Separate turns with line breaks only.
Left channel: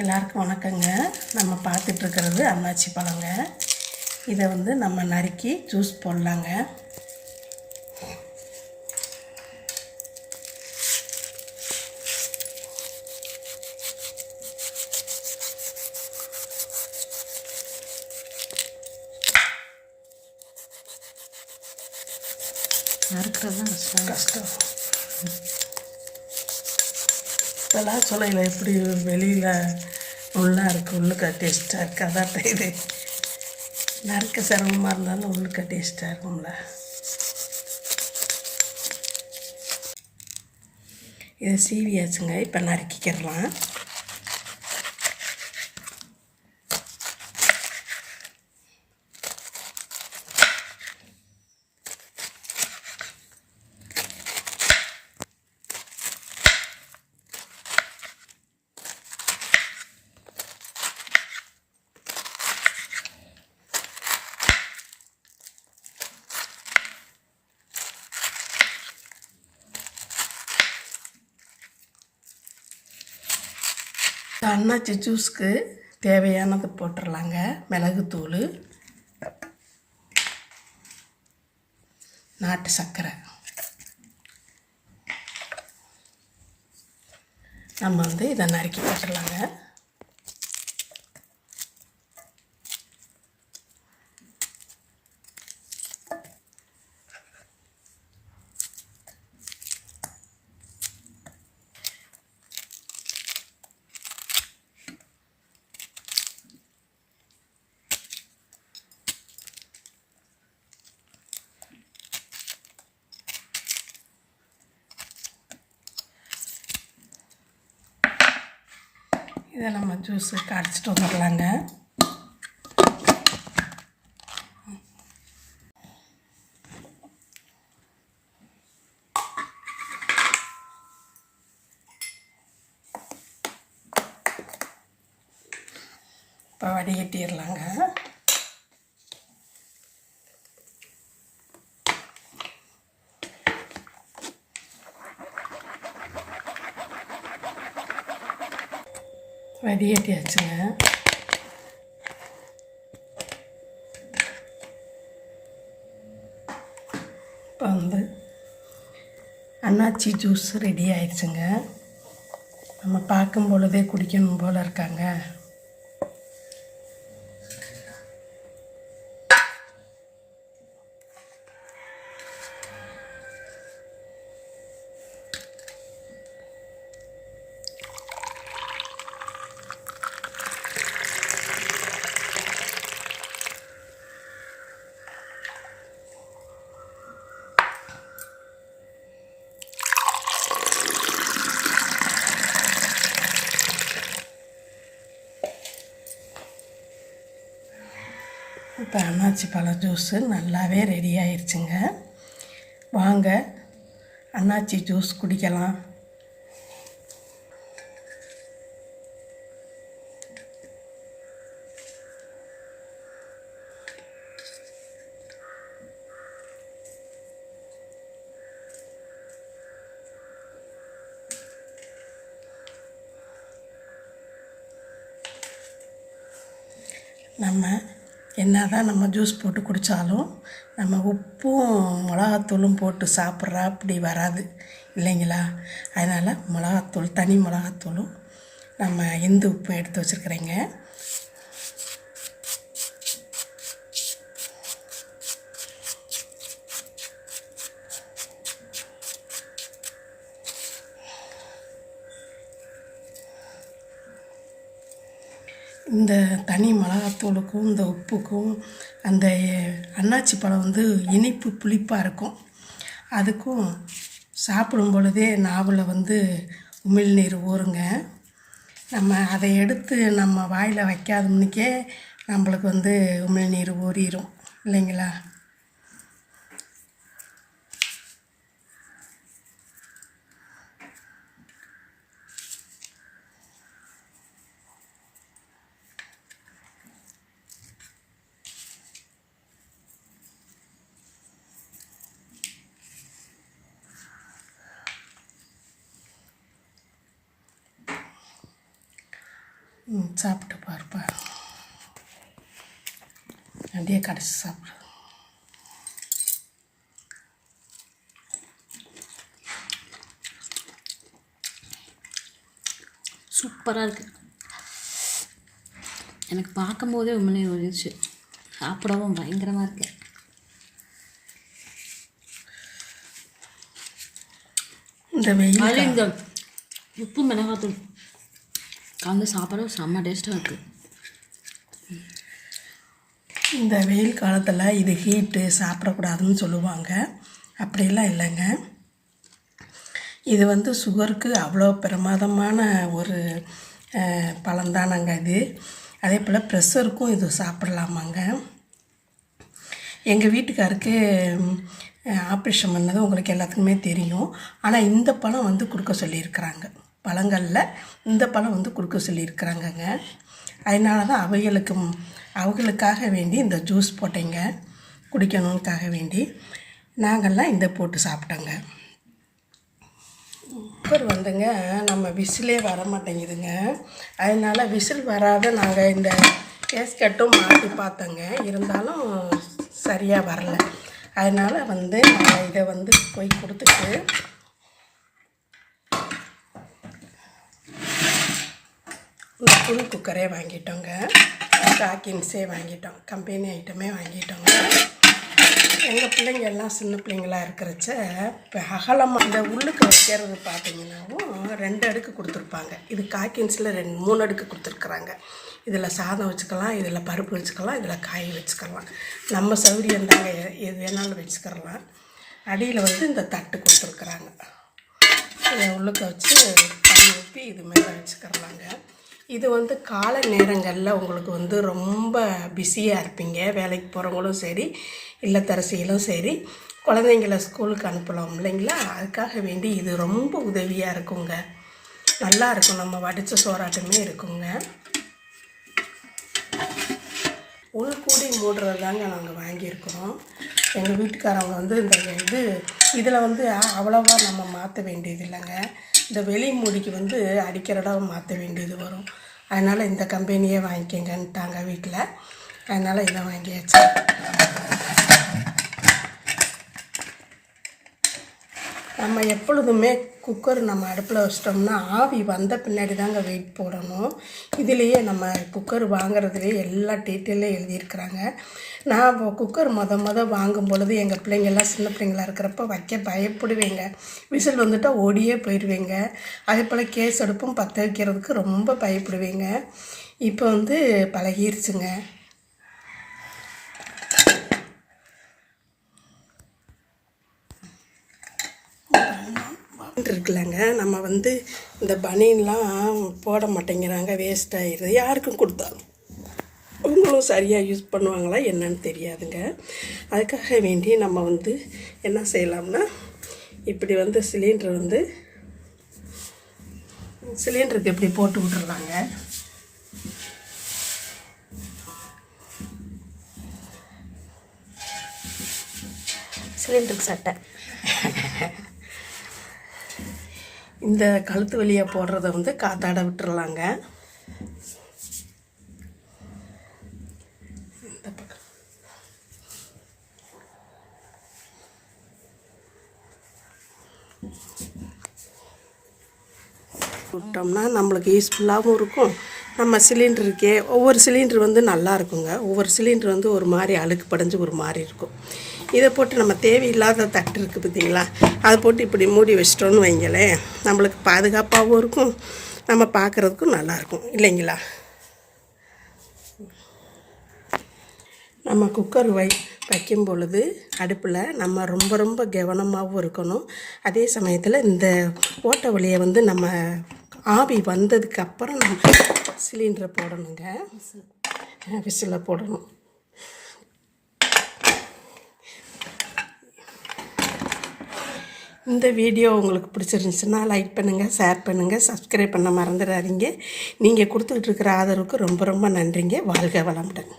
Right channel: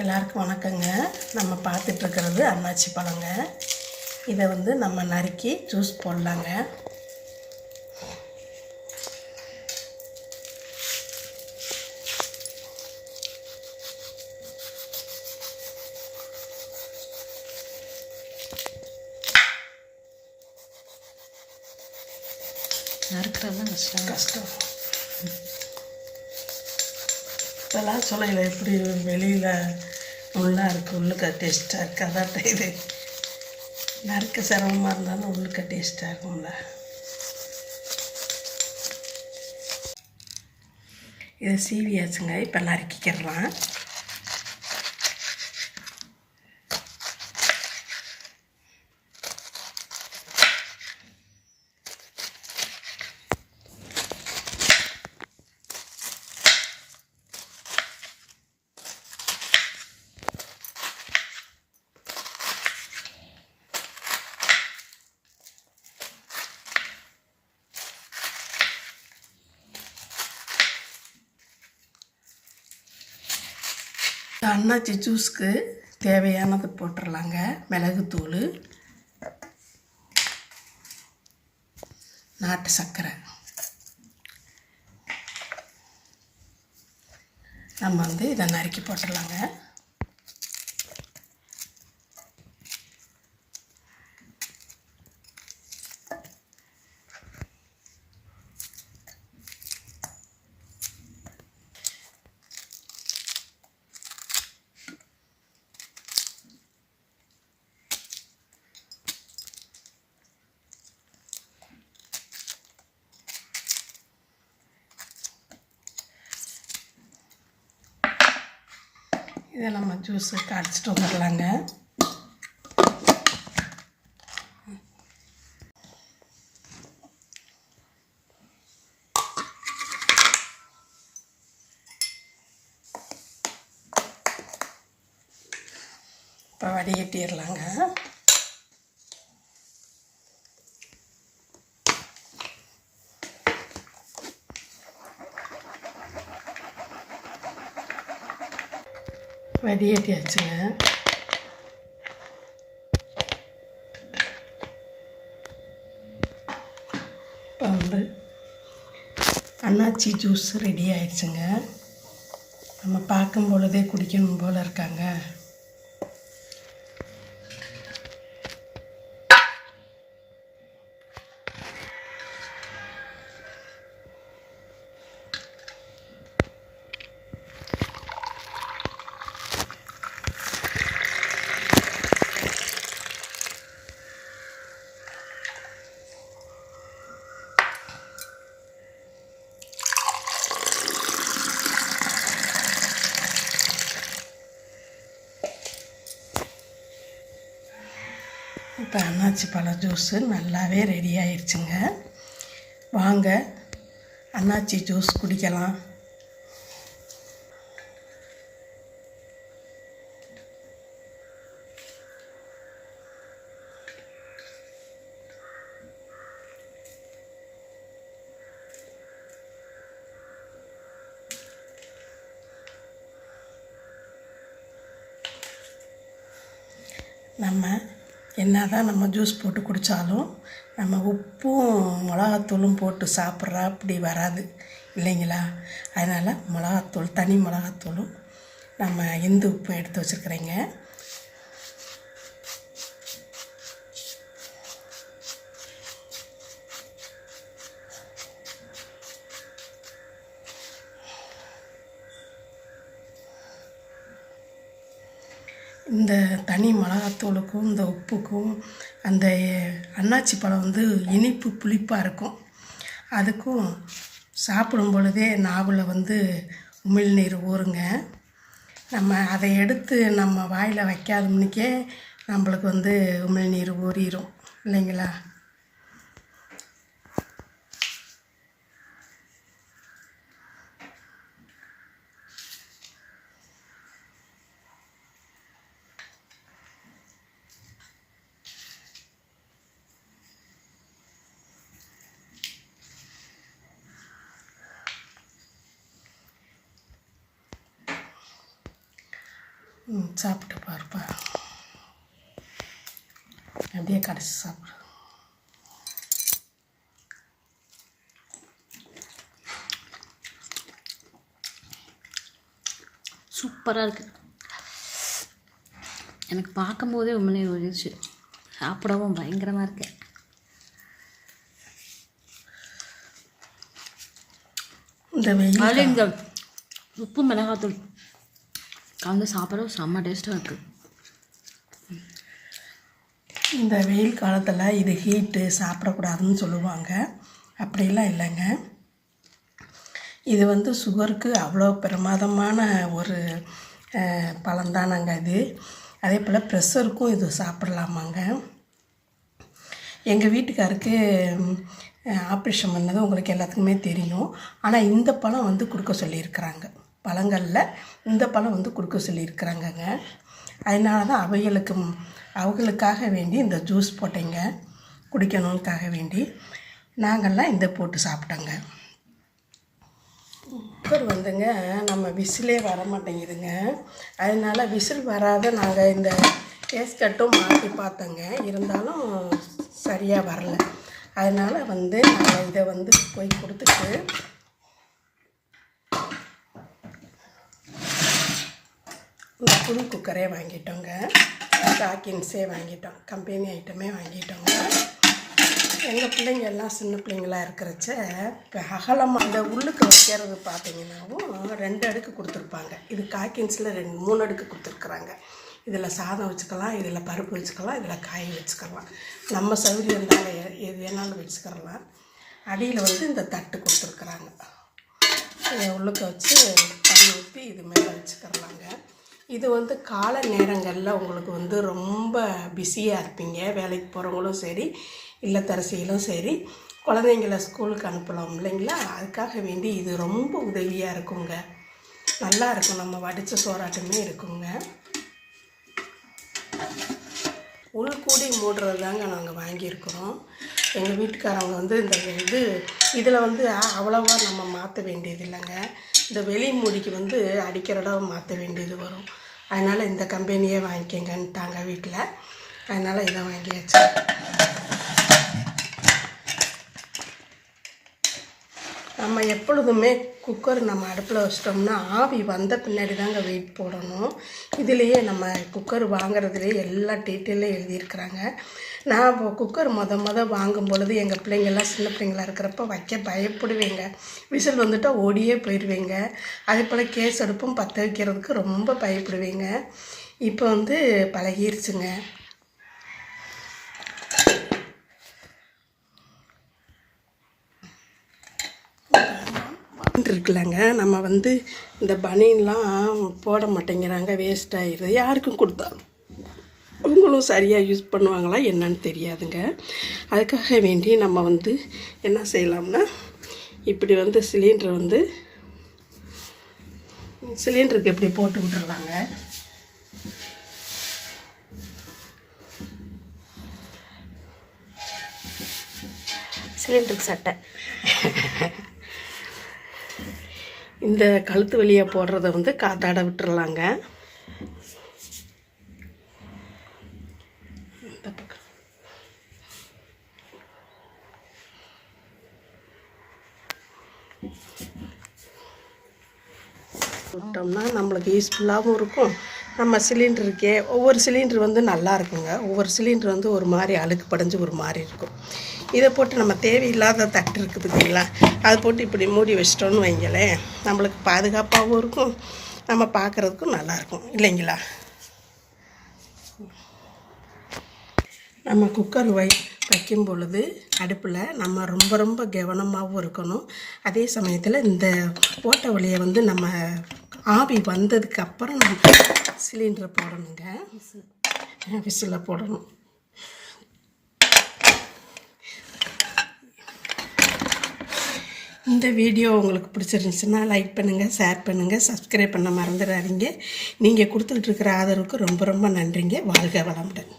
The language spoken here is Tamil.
எல்லாருக்கும் வணக்கங்க. நம்ம பார்த்துட்ருக்கிறது அன்னாச்சி பழங்க. இதை வந்து நம்ம நறுக்கி ஜூஸ் போடலாங்க.
நறுக்கிறதுலாம் கஷ்டம்
கஷ்டம். இப்போல்லாம் சொல்லல. எப்படி வெளியில் உள்ளாக இருக்குது உள்ளுக்க டேஸ்ட்டாக இருக்குது அதான் இது. நறுக்க சிரமமாக இருந்தாலும் உள்ளுக்க டேஸ்ட்டாக இருக்கும்ல. இது சீவியாச்சுங்க இப்போ நறுக்கிக்கிறலாம். அன்னாச்சி ஜூஸ்க்கு தேவையானது போட்டுடலாங்க மிளகுத்தூள் நாட்டு சர்க்கரை. நம்ம வந்து இதை நறுக்கி போட்டுடலாங்க இதை நம்ம ஜூஸு கரைச்சிட்டு வந்துடலாங்க. இப்போ வடிகட்டிடலாங்க. வடிகட்டியாச்சுங்க இப்போ வந்து அண்ணாச்சி ஜூஸ் ரெடி ஆயிடுச்சுங்க. நம்ம பார்க்கும் பொழுதே குடிக்கணும் போல் இருக்காங்க. இப்போ அன்னாச்சி பழ ஜூஸு நல்லாவே ரெடி ஆயிடுச்சுங்க வாங்க அன்னாச்சி ஜூஸ் குடிக்கலாம். நம்ம என்ன தான் நம்ம ஜூஸ் போட்டு குடித்தாலும் நம்ம உப்பும் மிளகாத்தூளும் போட்டு சாப்பிட்றா அப்படி வராது. இல்லைங்களா? அதனால் மிளகாத்தூள் தனி மிளகாத்தூளும் நம்ம இந்து உப்பும் எடுத்து வச்சுருக்குறேங்க. இந்த தனி மிளகாத்தூளுக்கும் இந்த உப்புக்கும் அந்த அன்னாச்சி பழம் வந்து இனிப்பு புளிப்பாக இருக்கும். அதுக்கும் சாப்பிடும் பொழுதே நாவில் வந்து உமிழ்நீர் ஊறுங்க. நம்ம அதை எடுத்து நம்ம வாயில் வைக்காதமுன்னுக்கே நம்மளுக்கு வந்து உமிழ்நீர் ஊறிடும் இல்லைங்களா? சாப்பிட்டு பாருப்பா. அப்படியே கடைசி சாப்பிடு.
சூப்பராக இருக்குது எனக்கு பார்க்கும்போதே உண்மையிலே ஒழிச்சு சாப்பிடவும் பயங்கரமாக இருக்கு.
இந்த வெயில்
இந்த உப்பு மிளகாத்தூள். கலந்து சாப்பிட செம்ம டேஸ்ட்டாக இருக்குது
இந்த வெயில் காலத்தில் இது ஹீட்டு சாப்பிடக்கூடாதுன்னு சொல்லுவாங்க. அப்படிலாம் இல்லைங்க. இது வந்து சுகருக்கு அவ்வளோ பிரமாதமான ஒரு பழந்தானங்க இது. அதே போல் ப்ரெஷருக்கும் இது சாப்பிடலாமாங்க. எங்கள் வீட்டுக்காருக்கு ஆப்ரேஷன் பண்ணது உங்களுக்கு எல்லாத்துக்குமே தெரியும். ஆனால் இந்த பழம் வந்து கொடுக்க சொல்லியிருக்கிறாங்க. பழங்களில் இந்த பழம் வந்து கொடுக்க சொல்லியிருக்கிறாங்கங்க. அதனால தான் அவைகளுக்கு அவங்களுக்காக வேண்டி இந்த ஜூஸ் போட்டேங்க. குடிக்கணுக்காக வேண்டி நாங்கள்லாம் இந்த போட்டு சாப்பிட்டோங்க. குக்கர் வந்துங்க நம்ம விசிலே வர மாட்டேங்குதுங்க அதனால் விசில் வராத நாங்கள் இந்த கேஸ்கட்டும் மாற்றி பார்த்தோங்க. இருந்தாலும் சரியாக வரல. அதனால் வந்து நாங்கள் இதை வந்து போய் கொடுத்துட்டு இந்த புது குக்கரே வாங்கிட்டோங்க. டாக்கின்ஸே வாங்கிட்டோம். கம்பெனி ஐட்டமே வாங்கிட்டோங்க. எங்கள் பிள்ளைங்க எல்லாம் சின்ன பிள்ளைங்களா இருக்கிறச்ச இப்போ அகலமாக இந்த உள்ளுக்கு வைக்கிறது பார்த்தீங்கன்னாவும் ரெண்டு அடுக்கு கொடுத்துருப்பாங்க. இது காக்கின்ஸில் ரெண்டு மூணு அடுக்கு கொடுத்துருக்குறாங்க. இதில் சாதம் வச்சுக்கலாம் இதில் பருப்பு வச்சுக்கலாம் இதில் காய் வச்சுக்கலாம். நம்ம சௌரியம் தாங்க எ- எது வேணாலும் வச்சுக்கிறலாம் அடியில் வந்து இந்த தட்டு கொடுத்துருக்குறாங்க. இதை உள்ளுக்க வச்சு தண்ணி ஊற்றி இது மேலே வச்சுக்கிறலாங்க. இது வந்து காலை நேரங்களில் உங்களுக்கு வந்து ரொம்ப பிஸியாக இருப்பீங்க. வேலைக்கு போகிறவங்களும் சரி இல்லத்தரசிகளும் சரி குழந்தைங்கள ஸ்கூலுக்கு அனுப்பலாம் இல்லைங்களா? அதுக்காக வேண்டி இது ரொம்ப உதவியாக இருக்குங்க. நல்லா இருக்கும். நம்ம வடித்த சோறாட்டமே இருக்குங்க. உள்கூடி மூடுறது தாங்க நாங்கள் வாங்கியிருக்கிறோம். எங்கள் வீட்டுக்காரவங்க வந்து இந்த இது இதில் வந்து அவ்வளோவா நம்ம மாற்ற வேண்டியது இல்லைங்க. இந்த வெளி மூடிக்கு வந்து அடிக்கிற மாற்ற வேண்டியது வரும். அதனால் இந்த கம்பெனியே வாங்கிக்கங்கன்ட்டாங்க வீட்டில். அதனால் இதை வாங்கியாச்சு. நம்ம எப்பொழுதுமே குக்கர் நம்ம அடுப்பில் வச்சிட்டோம்னா ஆவி வந்த பின்னாடி தாங்க வெயிட் போடணும். இதுலேயே நம்ம குக்கர் வாங்குறதுலேயே எல்லா டீட்டெயிலும் எழுதியிருக்கிறாங்க. நான் இப்போ குக்கர் மொத மொத வாங்கும் பொழுது எங்கள் பிள்ளைங்கள்லாம் சின்ன பிள்ளைங்களா இருக்கிறப்ப வைக்க பயப்படுவேங்க. விசில் வந்துட்டால் ஓடியே போயிடுவேங்க. அதே போல் கேஸ் அடுப்பும் பற்ற வைக்கிறதுக்கு ரொம்ப பயப்படுவேங்க. இப்போ வந்து பழகிருச்சுங்க. இருக்குல்லங்க. நம்ம வந்து இந்த பனியன்லாம் போட மாட்டேங்கிறாங்க வேஸ்ட் ஆயிடுது. யாருக்கும் கொடுத்தாலும். அவங்களும் சரியாக யூஸ் பண்ணுவாங்களா என்னன்னு தெரியாதுங்க. அதுக்காக வேண்டி நம்ம வந்து என்ன செய்யலாம்னா இப்படி வந்து சிலிண்டர் வந்து சிலிண்டருக்கு இப்படி போட்டு விட்டுருவாங்க
சிலிண்டருக்கு சட்டை.
இந்த கழுத்து வழியாக போடுறத வந்து காத்தாட விட்டுறலாங்க. இந்த விட்டோம்னா நம்மளுக்கு யூஸ்ஃபுல்லாகவும் இருக்கும். நம்ம சிலிண்டர் இருக்கே ஒவ்வொரு சிலிண்டர் வந்து நல்லா இருக்குங்க. ஒவ்வொரு சிலிண்டர் வந்து ஒரு மாதிரி அழுக்கு படைஞ்சு ஒரு மாதிரி இருக்கும். இதை போட்டு நம்ம தேவையில்லாத தட்டு இருக்குது பார்த்திங்களா? அதை போட்டு இப்படி மூடி வச்சிட்டோன்னு வைங்களேன். நம்மளுக்கு பாதுகாப்பாகவும் இருக்கும். நம்ம பார்க்குறதுக்கும் நல்லாயிருக்கும் இல்லைங்களா? நம்ம குக்கர் வை வைக்கும் பொழுது அடுப்பில் நம்ம ரொம்ப ரொம்ப கவனமாகவும் இருக்கணும். அதே சமயத்தில் இந்த ஓட்ட வழியை வந்து நம்ம ஆவி வந்ததுக்கு அப்புறம் நம்ம சிலிண்டரை போடணுங்க. விசில் போடணும். இந்த வீடியோ உங்களுக்கு பிடிச்சிருந்துச்சுன்னா லைக் பண்ணுங்கள் ஷேர் பண்ணுங்கள் சப்ஸ்கிரைப் பண்ண மறந்துடாதீங்க. நீங்கள் கொடுத்துட்ருக்கிற ஆதரவுக்கு ரொம்ப ரொம்ப நன்றிங்க. வாழ்க வளமுடன்.